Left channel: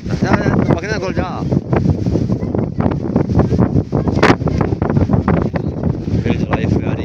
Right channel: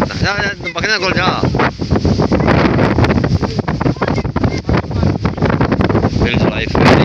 बकरियां कोल जा लाइफ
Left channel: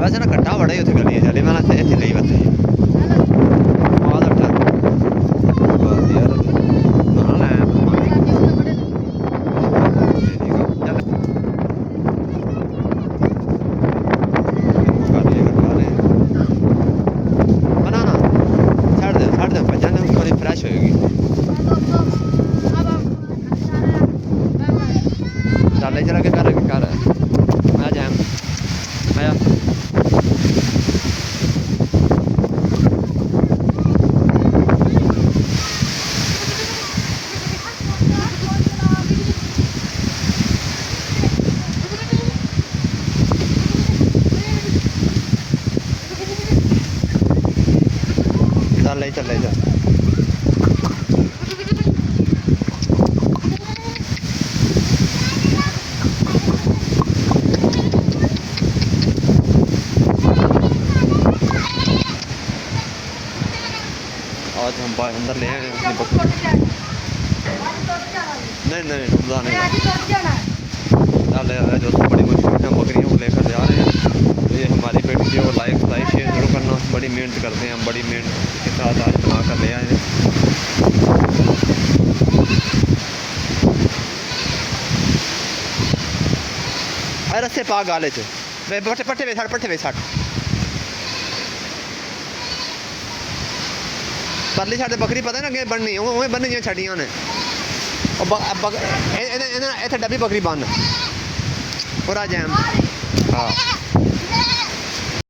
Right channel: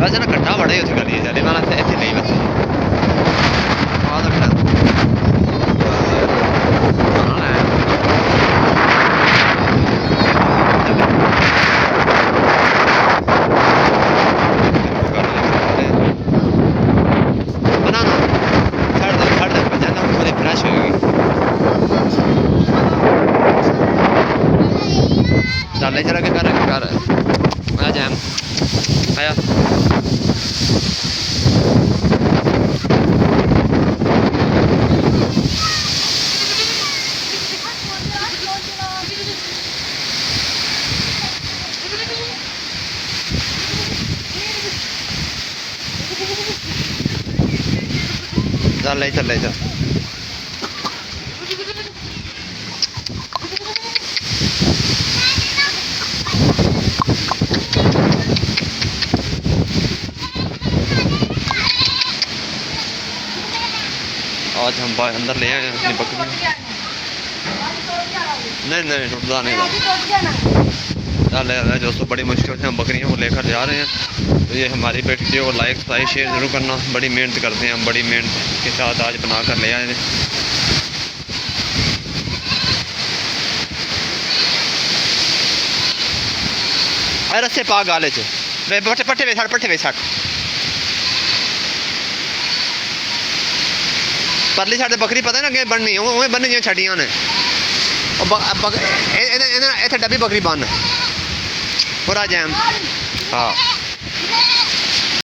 वैसे ना कट्ठा बड़ा ही उत्थे करिए चले मैं इत्थे नहीं वैसे आ तो फ्रेश होगी चल चला के कर आया जैम आया चल ले चल आज हम अंदर ले आए अपनी बकरी नहीं टूटता नहीं चल दोस्तों बड़ी मुश्किल से हम बकरियों को लेकर जा रहे हैं तो ये हमारी वीडियो को लाइक शेयर ज़रूर करना बड़ी मेहनत करते हैं हम बड़ी मेहनत के साथ आज बना कर ले आए अरे रस्से पा गाले च पट्ठे वे सट परली साइड बकरी पता ना अगे बननी उवें बननी जिवें छड्डियां ने इत्थे डब्बी बकरी बन पूरा जैम हाँ